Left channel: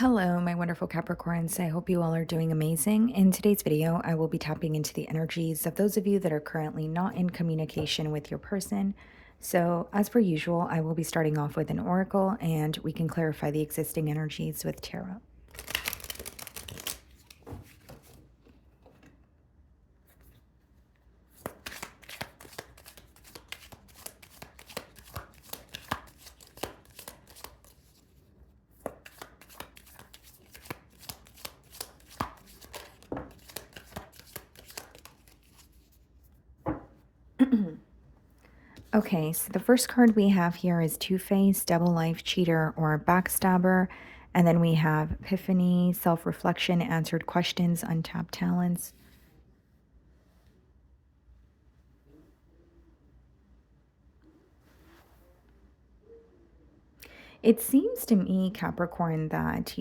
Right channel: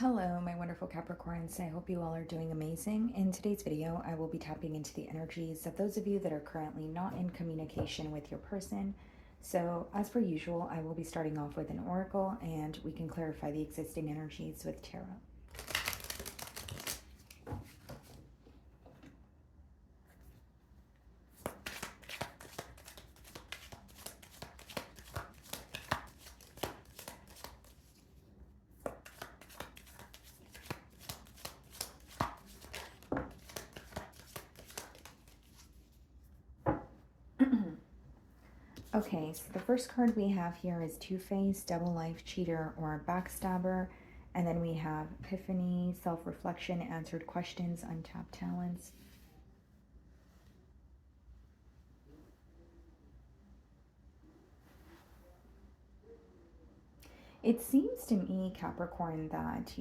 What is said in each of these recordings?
Hello, my wonderful Capricorns. I hope you all are doing amazing. In today's video, I will be tapping into the energies of those of you that are currently not in communication with your person. So, as per usual, I will be starting off with an oracle and we can clarify the existing energies with tarot. Okay, so the first card we have here is Two-Face, Double Life, Cheater, or Backstabber. And then we have Epiphany, Self-Reflection, Answered Questions, Untapped Talents. It seems to me, Capricorn, that,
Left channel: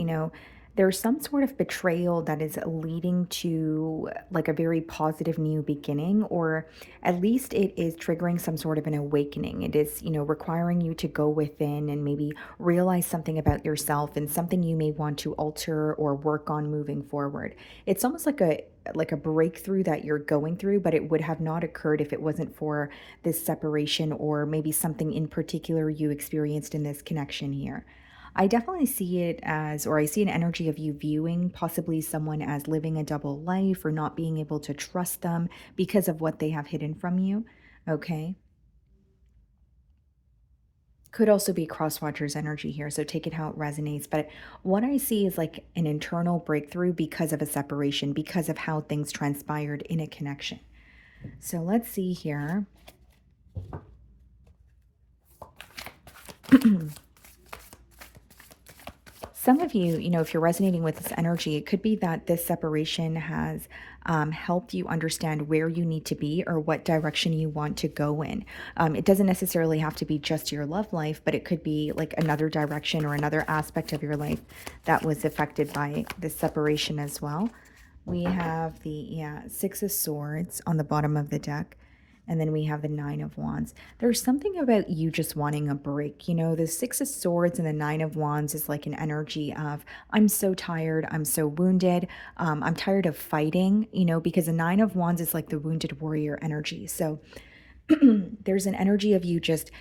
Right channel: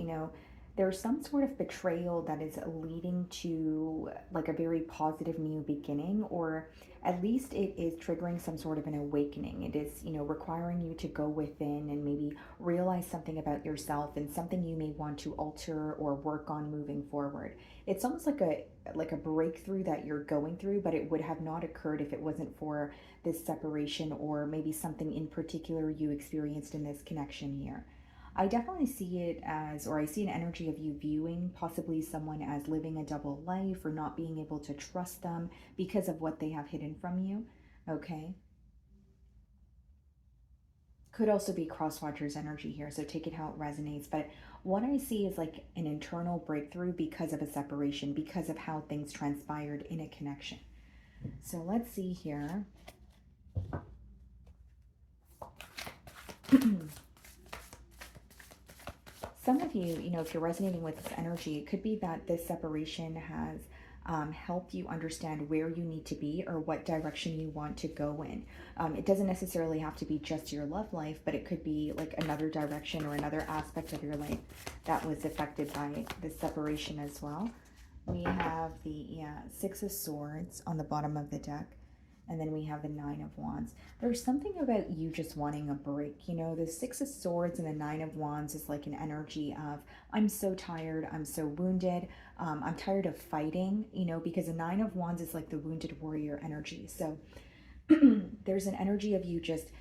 there's some sort of betrayal that is leading to like a very positive new beginning, or at least it is triggering some sort of an awakening. It is, requiring you to go within and maybe realize something about yourself and something you may want to alter or work on moving forward. It's almost like a breakthrough that you're going through, but it would have not occurred if it wasn't for this separation or maybe something in particular you experienced in this connection here. I definitely see it as, or I see an energy of you viewing possibly someone as living a double life or not being able to trust them because of what they have hidden from you. Okay. Could also be crosswatcher's energy here, so take it how it resonates. But what I see is like an internal breakthrough because of a separation, because of how things transpired in a connection. So let's see here. Some of you, if you're resonating with this energy, it could be that this separation has helped you understand where you need to be or what direction you want to go in. It doesn't necessarily have to be just your love life, but it could be like another direction or another aspect of your life that was affected by this separation as well. We have the Six of Swords on the bottom of the deck. And then we have the Nine of Wands. There's something about you just wanting a break. The Six of Swords and the Nine of Wands is like an energy of, I'm so tired. I'm so wounded. I'm tired of fighting, because the Nine of Wands is like the wounded warrior energy. So there's an energy of you just,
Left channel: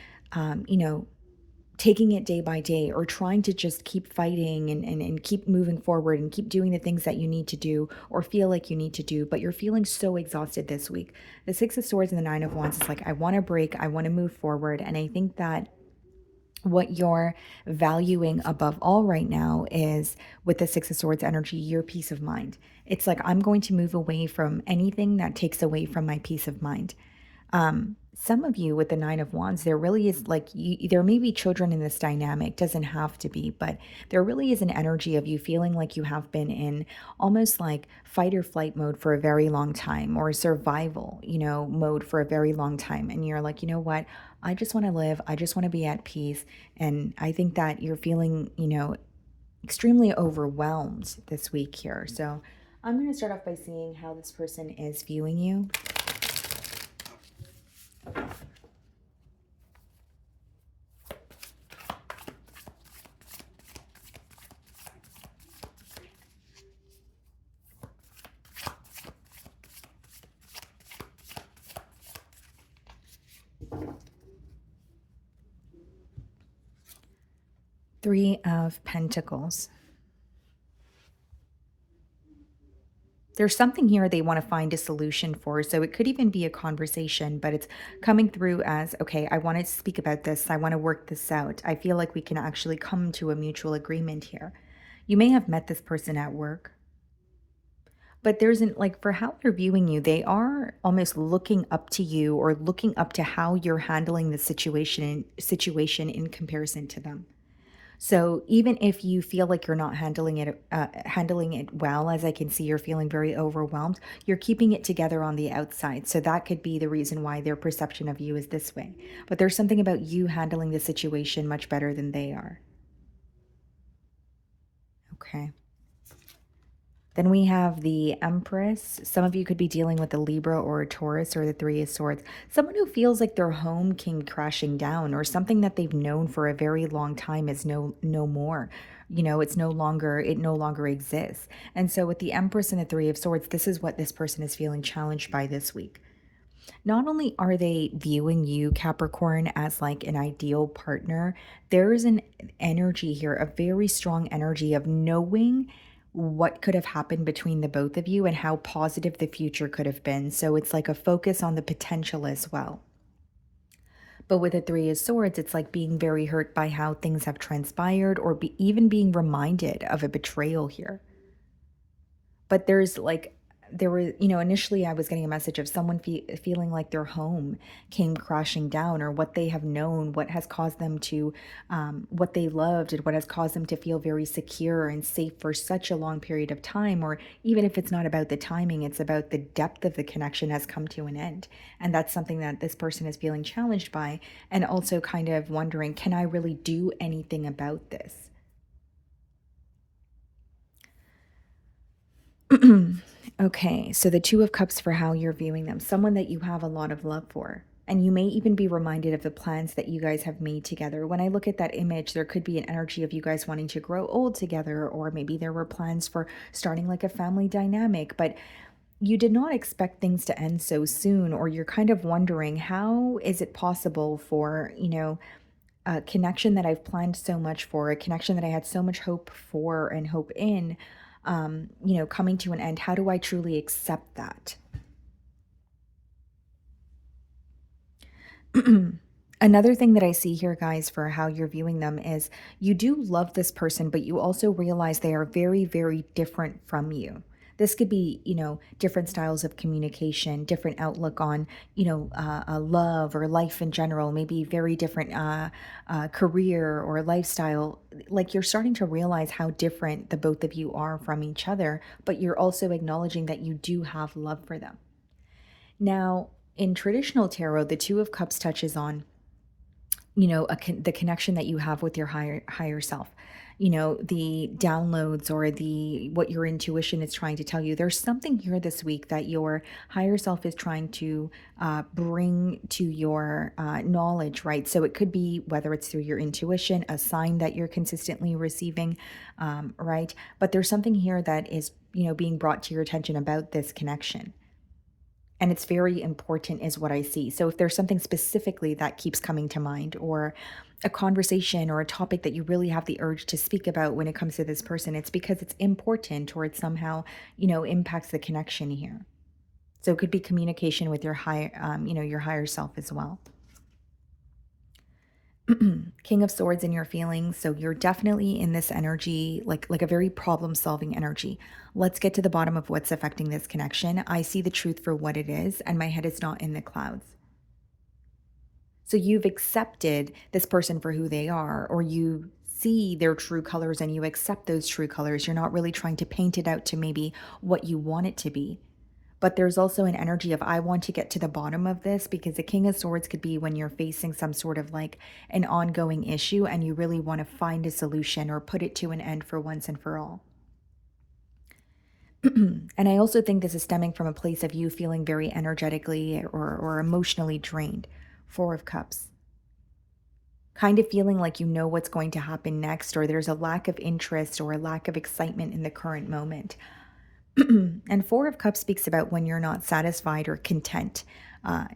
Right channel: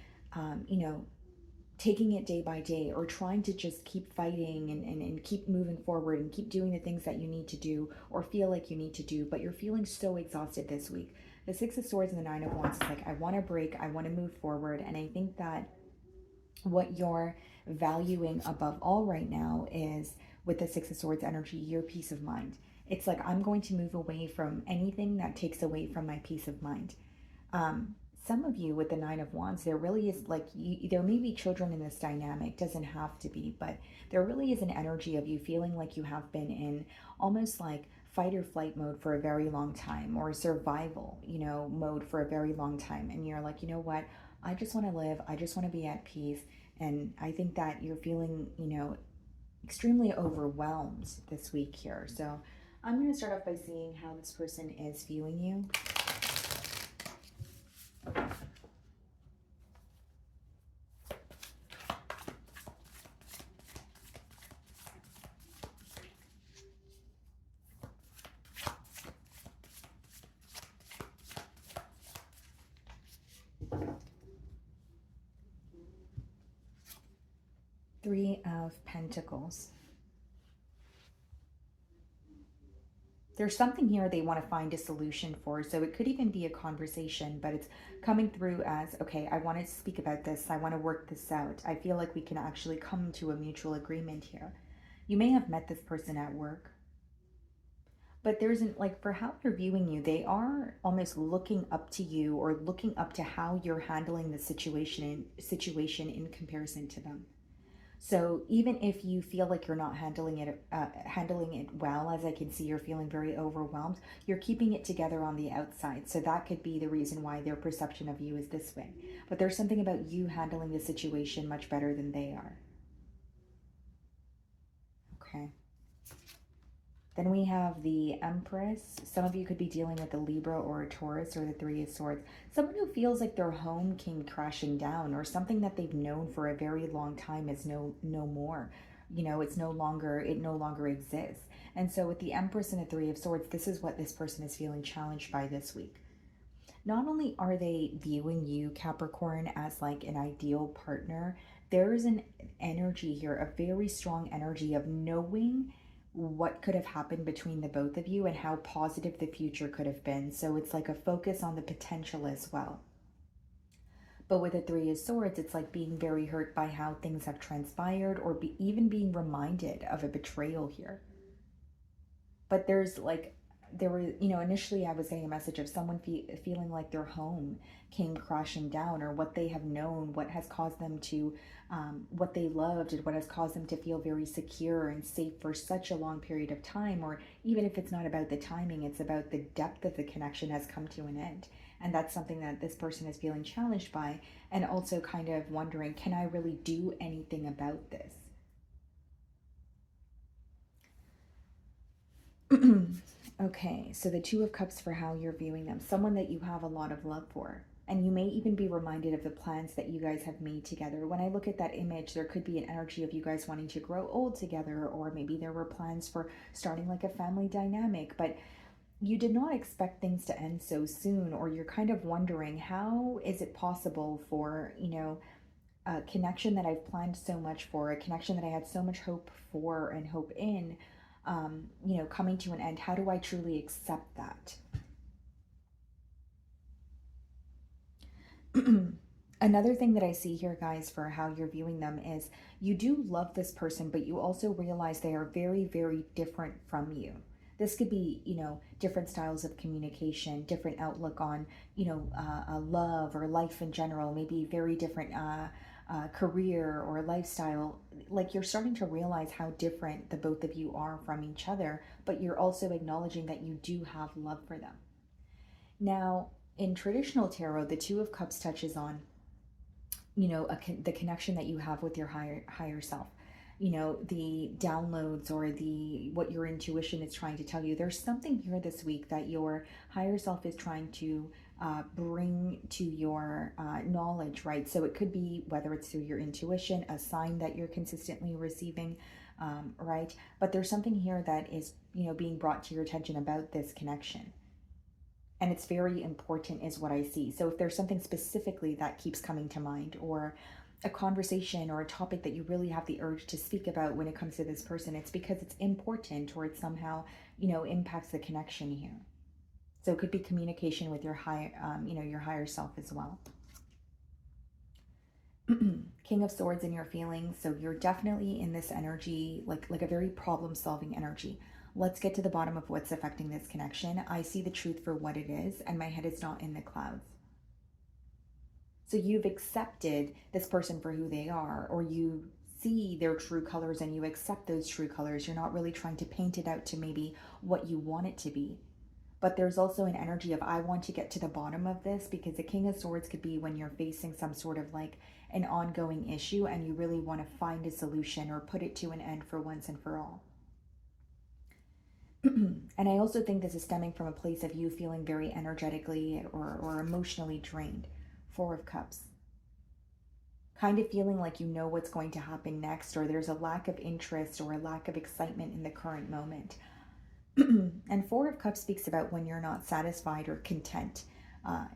taking it day by day or trying to just keep fighting and keep moving forward and keep doing the things that you need to do or feel like you need to do, but you're feeling so exhausted this week. The Six of Swords and the Nine of Wands is like, I want to break, I want to move forward. And I think that what you're valuing above all right now is, with the Six of Swords energy, your peace of mind. It's like, I'm going to move away from anything that takes away from my peace of mind. Some of you with the Nine of Wands, there really is like, there may be children in this dynamic, doesn't have to be, but there really is an energy of you feeling like you have been in almost like fight or flight mode for a very long time, or survival, mode for a very long time. And you're like, you know what? I just want to live. I just want to be at peace. And I think that you're feeling, extremely overwhelmed this week here. So I'm going to start off by seeing how this person is viewing you. Three of Pentacles. There's something here they want to find a solution for. So it could even be a conversation, but it's coming through as, okay, I want to speak about this. I want to work this out. I feel like we can actually come to a mutual agreement here. You may have met this person at work, but there's an, like, for how they're viewing you, they are almost looking up to you or looking up to how you're handling the situation in comparison to them. So even if you feel like you're not handling it well, as I can see, you're feeling very overwhelmed, you're keeping it together on the outside. So that could be the reason why their perception of you is this way. But there's something about you handling the situation much better than they are. Okay. Then we have the Empress. Some of you could be dealing with a Libra or a Taurus or the Three of Swords. Someone who feels like their home came crashing down, or something that they've known for a very long time is no more. it's no longer exists. And so with the Empress and the Three of Swords, this is what this person is feeling challenged by this week. Not only are they viewing you, Capricorn, as like an ideal partner, there is an energy here, a very strong energy of knowing what could have happened between the both of you and how positive the future could have been. So it's like a focus on the potential as well. But with the Three of Swords, it's like being very hurt by how things have transpired, or even being reminded of a betrayal here. But there were, initially I was getting a message of someone feeling like their home came crashing down, or what they have known, what has caused them to, what they loved, and what has caused them to feel very secure and safe for such a long period of time. Or even if it's not about the timing, it's about the depth of the connection has come to an end. And that's something that this person is feeling challenged by, and also kind of wondering, can I really do anything about this? Okay, so the Two of Cups for how you're viewing them, someone that you have a lot of love for. And you may even be reminded of the plans that you guys have made together. When I look at that image, there could be an energy of you guys wanting to grow old together, or maybe there were plans for starting like a family dynamic, but you did not expect things to end so soon, or you're kind of wondering, how is it possible for, a connection that I've planned so much for, a connection that I had so much hope for and hope in, coming to an end? How do I truly accept that? Another thing that I see here, guys, for how you're viewing them is you do love this person, but you also realize they are very, very different from you. This could be, different styles of communication, different outlook on, love or life in general, maybe very different career or lifestyle. Like, you're starting to realize how different the both of you are from each other, but you're also acknowledging that you do have love for them. Now, in traditional tarot, the Two of Cups touches on, the connection that you have with your higher self, the downloads, or the what your intuition is trying to tell you. There's something here this week that your higher self is trying to bring to your knowledge, right? So it could be whether it's through your intuition, a sign that you're consistently receiving, right? But there's something here that is, being brought to your attention about this connection, and it's very important is what I see. So if there's something specifically that keeps coming to mind, or a conversation or a topic that you really have the urge to speak about when it comes to this person, it's because it's important, or it somehow, impacts the connection here. So it could be communication with your your higher self as well. King of Swords in your feelings. So you're definitely in this energy, like a very problem solving energy. Let's get to the bottom of what's affecting this connection. I see the truth for what it is, and my head is not in the clouds. So you've accepted this person for who they are, or you see their true colors and you accept those true colors. You're not really trying to paint it out to maybe what you want it to be. But there's also an energy of, I want to get to the bottom of this, because the King of Swords could be when you're facing some sort of like an ongoing issue and you really want to find a solution or put it to an end for once and for all. And I also think this is stemming from a place of you feeling very energetically or emotionally drained. Four of Cups. Kind of feeling like you know what's going to happen next, or there's a lack of interest or a lack of excitement in the current moment. And Four of Cups speaks about when you're not satisfied or content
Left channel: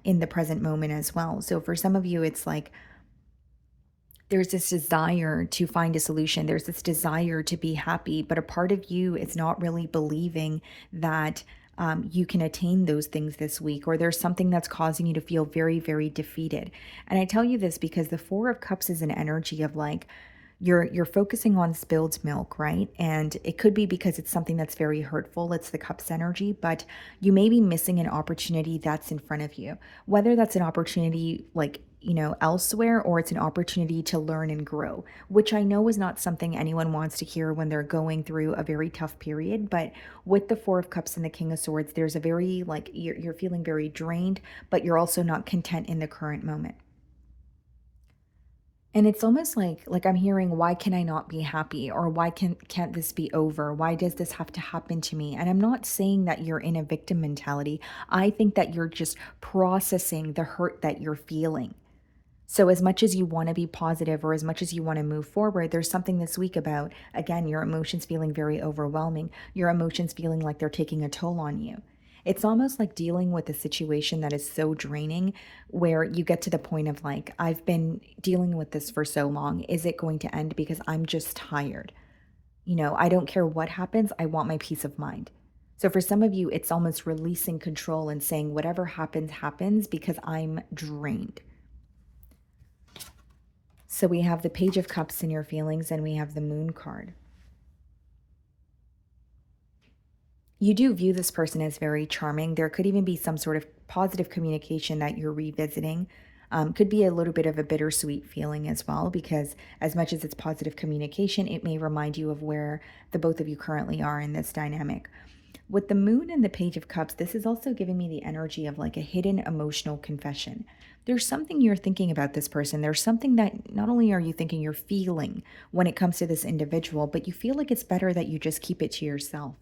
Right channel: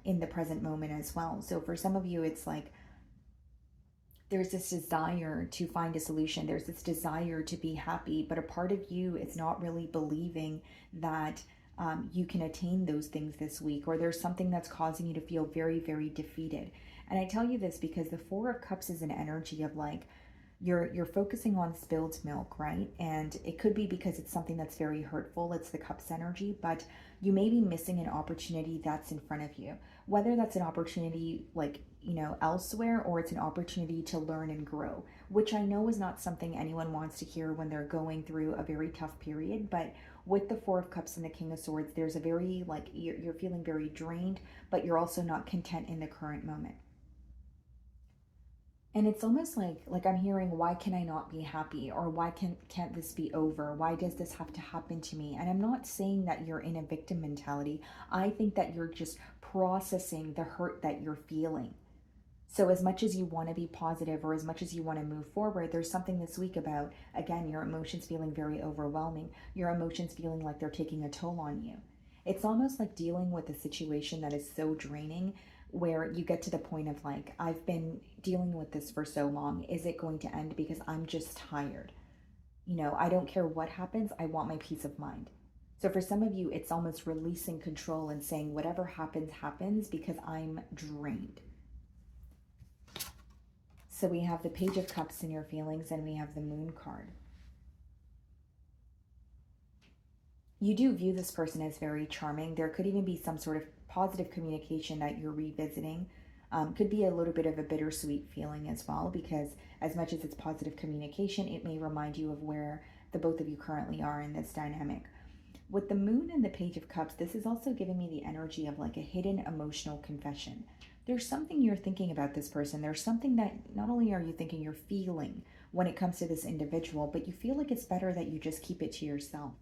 in the present moment as well. So for some of you, it's like there's this desire to find a solution. There's this desire to be happy, but a part of you is not really believing that you can attain those things this week, or there's something that's causing you to feel very, very defeated. And I tell you this because the Four of Cups is an energy of like, you're focusing on spilled milk, right? And it could be because it's something that's very hurtful. It's the cups energy, but you may be missing an opportunity that's in front of you. Whether that's an opportunity like, elsewhere, or it's an opportunity to learn and grow, which I know is not something anyone wants to hear when they're going through a very tough period. But with the Four of Cups and the King of Swords, there's a very like you're feeling very drained, but you're also not content in the current moment. And it's almost like I'm hearing, why can I not be happy? Or why can't this be over? Why does this have to happen to me? And I'm not saying that you're in a victim mentality. I think that you're just processing the hurt that you're feeling. So, as much as you want to be positive or as much as you want to move forward, there's something this week about, again, your emotions feeling very overwhelming, your emotions feeling like they're taking a toll on you. It's almost like dealing with a situation that is so draining where you get to the point of like, I've been dealing with this for so long. Is it going to end because I'm just tired? I don't care what happens. I want my peace of mind. So, for some of you, it's almost releasing control and saying, whatever happens, happens because I'm drained. So we have the Page of Cups in your feelings, and we have the Moon card. You do view this person as very charming. There could even be some sort of positive communication that you're revisiting. Could be a little bit of a bittersweet feeling as well, because as much as it's positive communication, it may remind you of where the both of you currently are in this dynamic. With the Moon and the Page of Cups, this is also giving me the energy of like a hidden emotional confession. There's something you're thinking about this person. There's something that not only are you thinking, you're feeling when it comes to this individual, but you feel like it's better that you just keep it to yourself.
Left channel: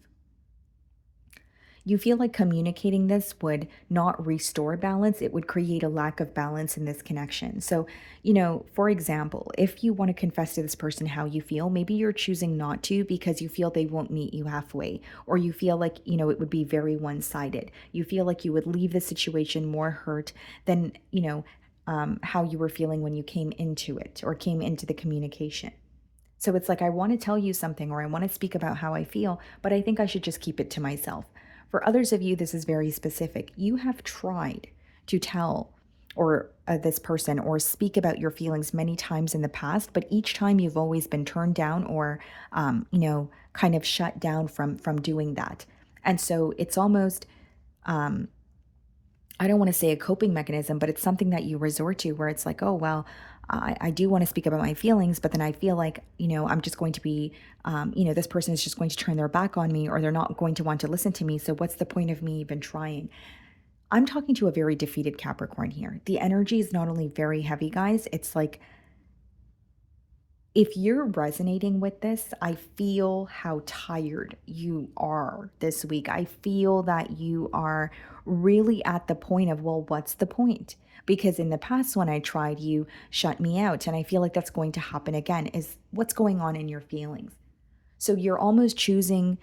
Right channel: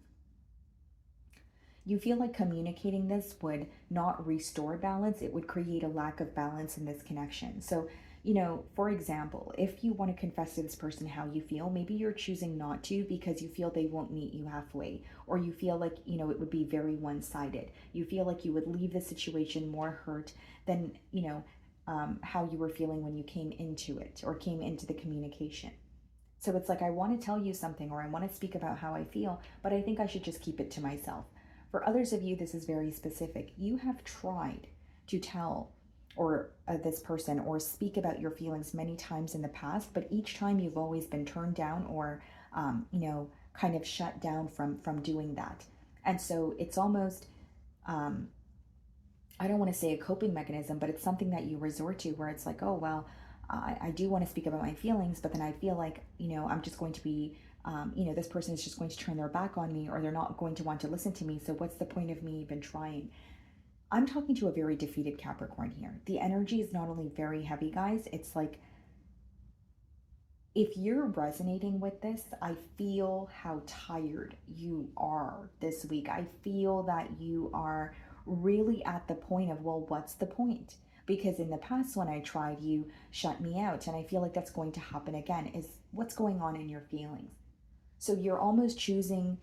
You feel like communicating this would not restore balance, it would create a lack of balance in this connection. So, for example, if you want to confess to this person how you feel, maybe you're choosing not to because you feel they won't meet you halfway, or you feel like, it would be very one sided. You feel like you would leave the situation more hurt than, how you were feeling when you came into it or came into the communication. So it's like, I want to tell you something or I want to speak about how I feel, but I think I should just keep it to myself. For others of you, this is very specific. You have tried to tell or this person or speak about your feelings many times in the past, but each time you've always been turned down or, kind of shut down from doing that. And so it's almost, um, I don't want to say a coping mechanism, but it's something that you resort to where it's like, oh, well, I do want to speak about my feelings, but then I feel like, I'm just going to be, this person is just going to turn their back on me or they're not going to want to listen to me. So what's the point of me even trying? I'm talking to a very defeated Capricorn here. The energy is not only very heavy, guys, it's like if you're resonating with this, I feel how tired you are this week. I feel that you are really at the point of, well, what's the point? Because in the past, when I tried, you shut me out. And I feel like that's going to happen again. Is what's going on in your feelings? So you're almost choosing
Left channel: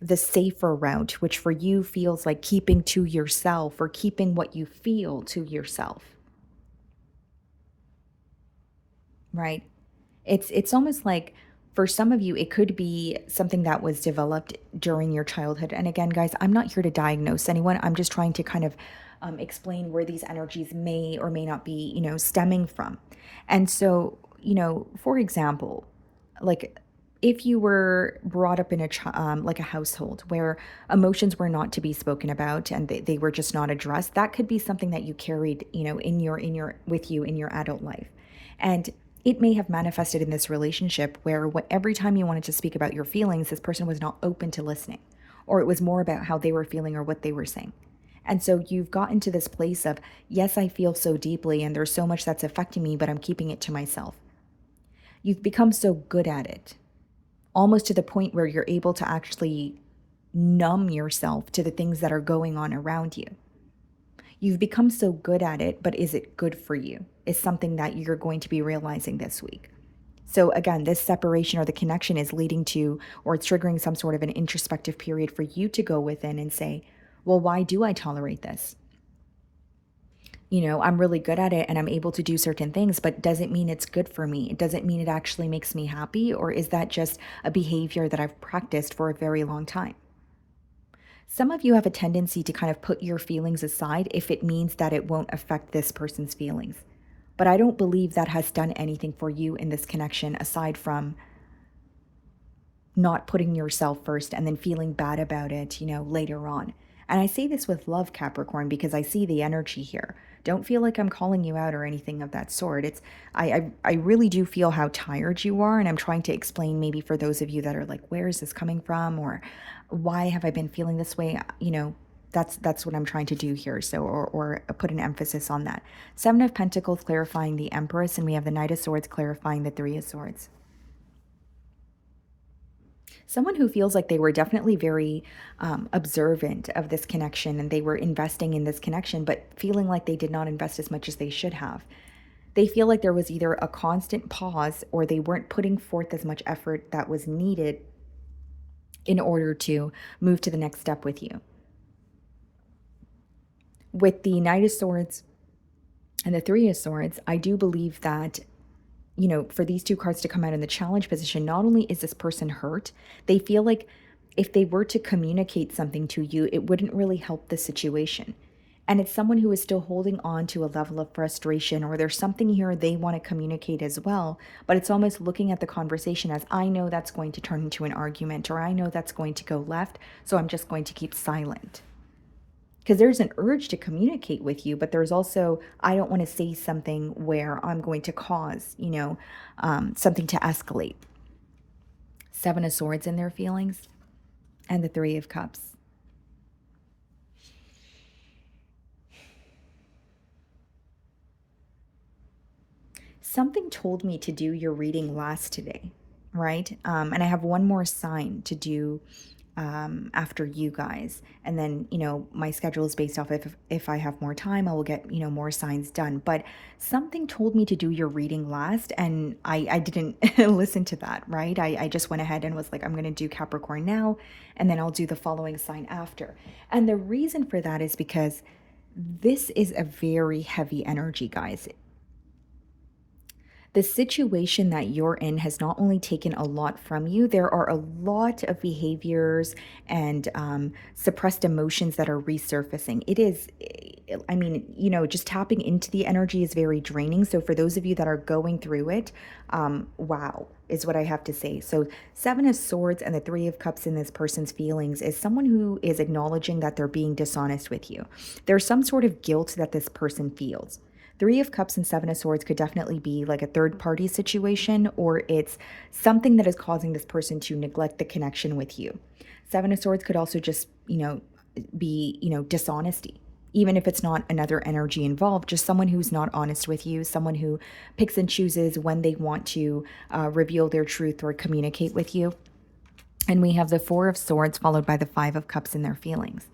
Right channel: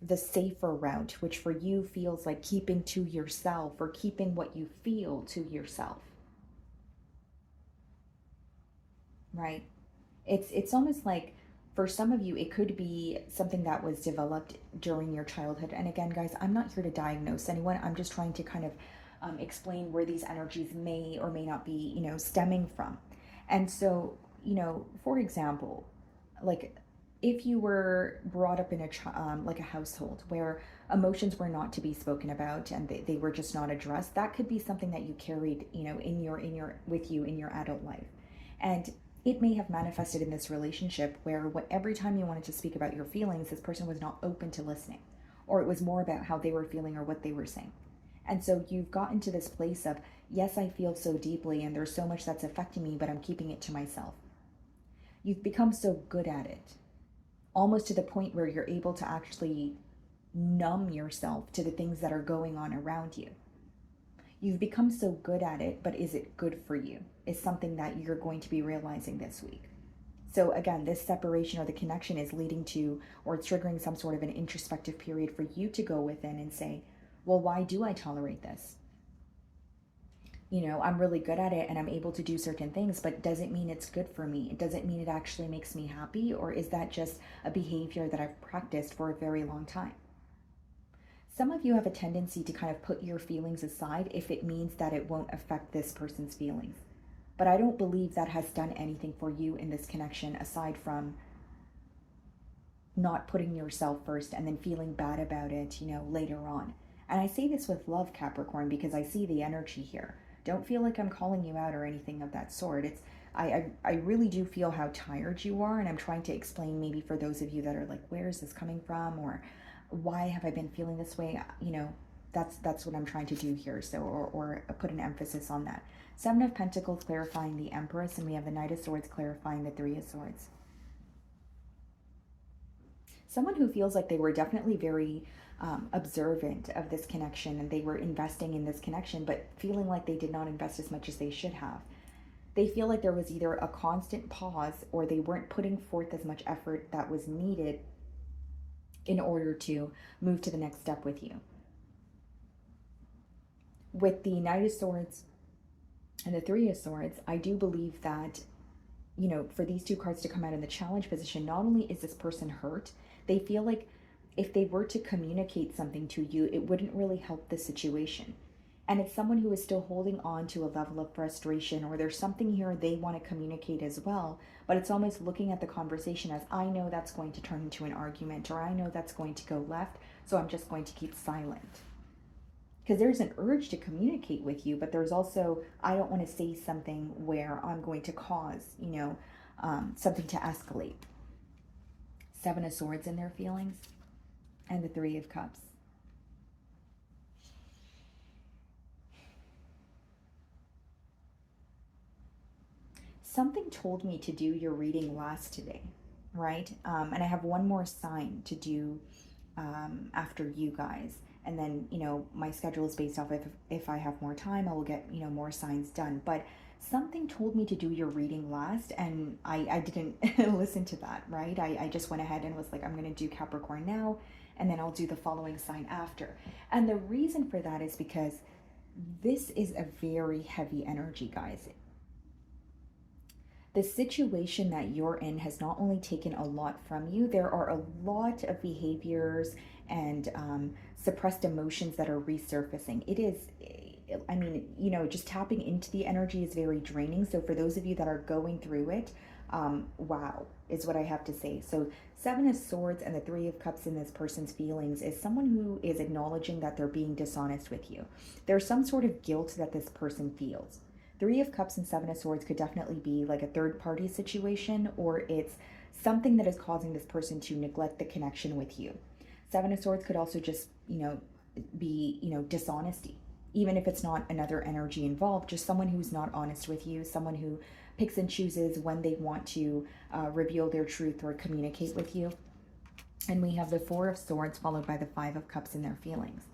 the safer route, which for you feels like keeping to yourself or keeping what you feel to yourself, right? It's almost like for some of you, it could be something that was developed during your childhood. And again, guys, I'm not here to diagnose anyone. I'm just trying to kind of explain where these energies may or may not be, stemming from. And so, for example, like if you were brought up in like a household where emotions were not to be spoken about and they were just not addressed, that could be something that you carried, in your with you in your adult life. And it may have manifested in this relationship where every time you wanted to speak about your feelings, this person was not open to listening, or it was more about how they were feeling or what they were saying. And so you've gotten to this place of, yes, I feel so deeply and there's so much that's affecting me, but I'm keeping it to myself. You've become so good at it, almost to the point where you're able to actually numb yourself to the things that are going on around you. You've become so good at it, but is it good for you? Is something that you're going to be realizing this week. So, again, this separation or the connection is leading to or it's triggering some sort of an introspective period for you to go within and say, well, why do I tolerate this? I'm really good at it and I'm able to do certain things, but does it mean it's good for me? It doesn't mean it actually makes me happy, or is that just a behavior that I've practiced for a very long time? Some of you have a tendency to kind of put your feelings aside if it means that it won't affect this person's feelings. But I don't believe that has done anything for you in this connection aside from not putting yourself first and then feeling bad about it, later on. And I say this with love, Capricorn, because I see the energy here. Don't feel like I'm calling you out or anything of that sort. It's I really do feel how tired you are, and I'm trying to explain maybe for those of you that are like, where is this coming from, or why have I been feeling this way? That's what I'm trying to do here. So or put an emphasis on that. Seven of Pentacles clarifying the Empress, and we have the Knight of Swords clarifying the Three of Swords. Someone who feels like they were definitely very observant of this connection and they were investing in this connection, but feeling like they did not invest as much as they should have. They feel like there was either a constant pause or they weren't putting forth as much effort that was needed in order to move to the next step with you. With the Knight of Swords and the Three of Swords, I do believe that, for these two cards to come out in the challenge position, not only is this person hurt, they feel like if they were to communicate something to you, it wouldn't really help the situation. And it's someone who is still holding on to a level of frustration, or there's something here they want to communicate as well. But it's almost looking at the conversation as, I know that's going to turn into an argument, or I know that's going to go left, so I'm just going to keep silent. Because there's an urge to communicate with you, but there's also, I don't want to say something where I'm going to cause, something to escalate. Seven of Swords in their feelings, and the Three of Cups. Something told me to do your reading last today, right? And I have one more sign to do after you guys. And then, my schedule is based off if I have more time, I will get, more signs done. But something told me to do your reading last, and I didn't listen to that, right? I just went ahead and was like, I'm going to do Capricorn now, and then I'll do the following sign after. And the reason for that is because this is a very heavy energy, guys. The situation that you're in has not only taken a lot from you, there are a lot of behaviors and suppressed emotions that are resurfacing. It is, I mean, just tapping into the energy is very draining. So for those of you that are going through it, wow, is what I have to say. So Seven of Swords and the Three of Cups in this person's feelings is someone who is acknowledging that they're being dishonest with you. There's some sort of guilt that this person feels. Three of Cups and Seven of Swords could definitely be like a third party situation, or it's something that is causing this person to neglect the connection with you. Seven of Swords could also just, be, dishonesty. Even if it's not another energy involved, just someone who's not honest with you, someone who picks and chooses when they want to reveal their truth or communicate with you. And we have the Four of Swords followed by the Five of Cups in their feelings.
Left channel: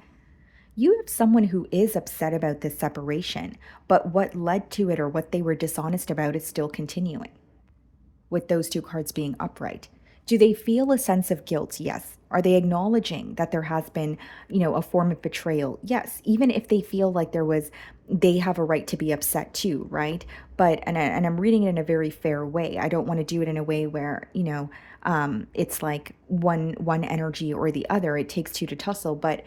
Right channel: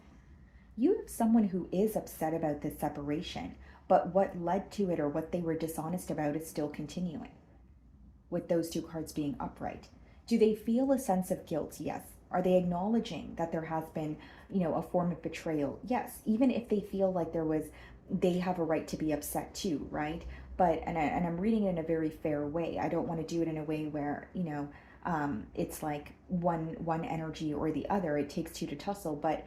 You have someone who is upset about this separation, but what led to it or what they were dishonest about is still continuing, with those two cards being upright. Do they feel a sense of guilt? Yes. Are they acknowledging that there has been, a form of betrayal? Yes. Even if they feel like they have a right to be upset too, right? But, and I'm reading it in a very fair way. I don't want to do it in a way where, it's like one energy or the other. It takes two to tussle, but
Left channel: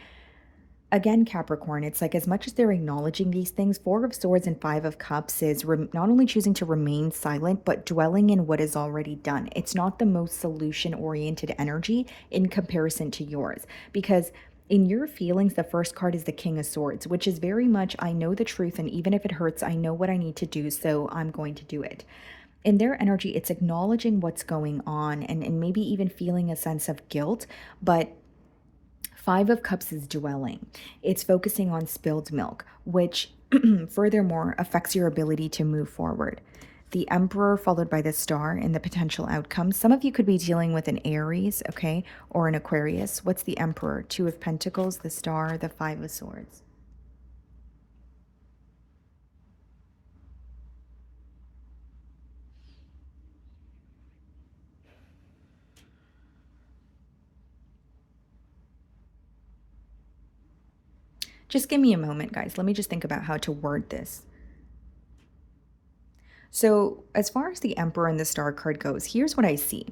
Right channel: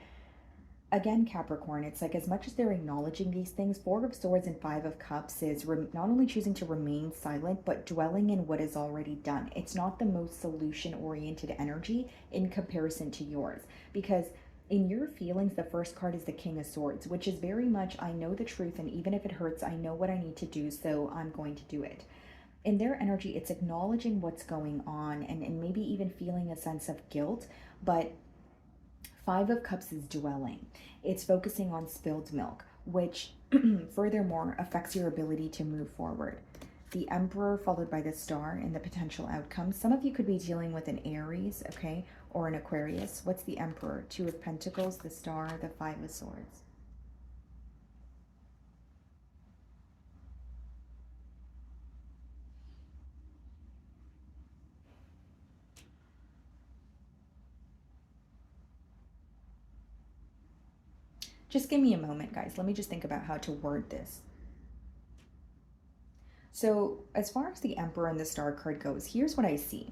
again, Capricorn, it's like as much as they're acknowledging these things, Four of Swords and Five of Cups is not only choosing to remain silent, but dwelling in what is already done. It's not the most solution-oriented energy in comparison to yours. Because in your feelings, the first card is the King of Swords, which is very much, I know the truth, and even if it hurts, I know what I need to do, so I'm going to do it. In their energy, it's acknowledging what's going on and maybe even feeling a sense of guilt, but Five of Cups is dwelling. It's focusing on spilled milk, which furthermore affects your ability to move forward. The Emperor followed by the Star in the potential outcomes. Some of you could be dealing with an Aries, okay, or an Aquarius. What's the Emperor? Two of Pentacles, the Star, the Five of Swords. Just give me a moment, guys. Let me just think about how to word this. So as far as the Emperor and the Star card goes, here's what I see.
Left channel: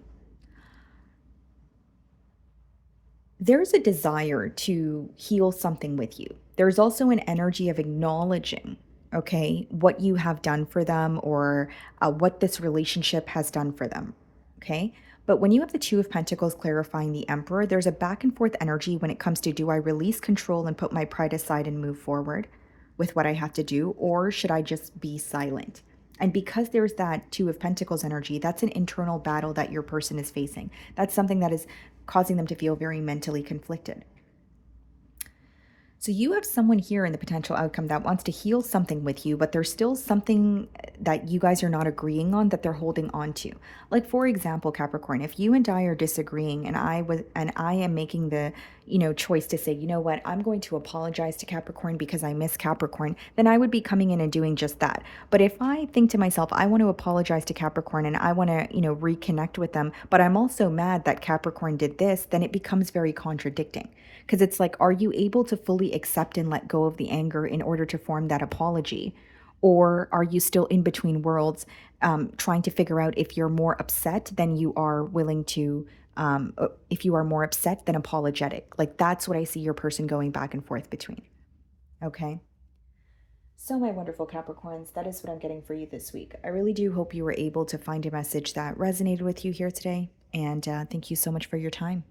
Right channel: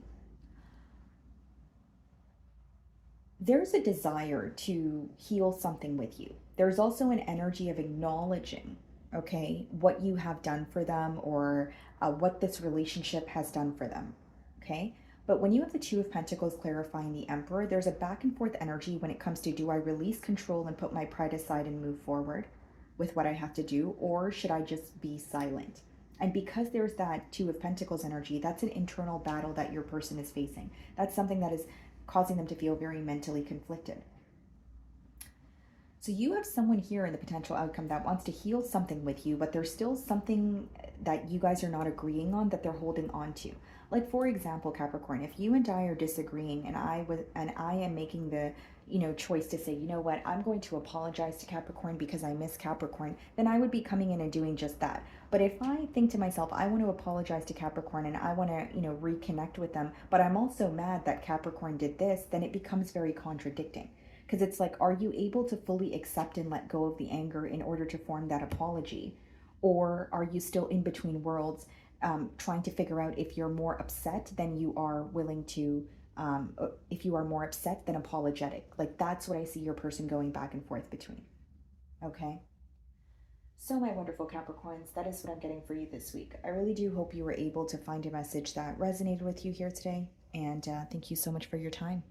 There's a desire to heal something with you. There's also an energy of acknowledging, okay, what you have done for them, or what this relationship has done for them, okay? But when you have the Two of Pentacles clarifying the Emperor, there's a back and forth energy when it comes to, do I release control and put my pride aside and move forward with what I have to do, or should I just be silent? And because there's that Two of Pentacles energy, that's an internal battle that your person is facing. That's something that is causing them to feel very mentally conflicted. So you have someone here in the potential outcome that wants to heal something with you, but there's still something that you guys are not agreeing on that they're holding on to. Like for example, Capricorn, if you and I are disagreeing and I am making the, choice to say, you know what, I'm going to apologize to Capricorn because I miss Capricorn, then I would be coming in and doing just that. But if I think to myself, I want to apologize to Capricorn and I want to, reconnect with them, but I'm also mad that Capricorn did this, then it becomes very contradicting. Because it's like, are you able to fully accept and let go of the anger in order to form that apology? Or are you still in between worlds, trying to figure out if you're more upset than you are willing to, if you are more upset than apologetic? Like, that's what I see your person going back and forth between. Okay. So, my wonderful Capricorns, that is what I'm getting for you this week. I really do hope you were able to find a message that resonated with you here today. And thank you so much for your time.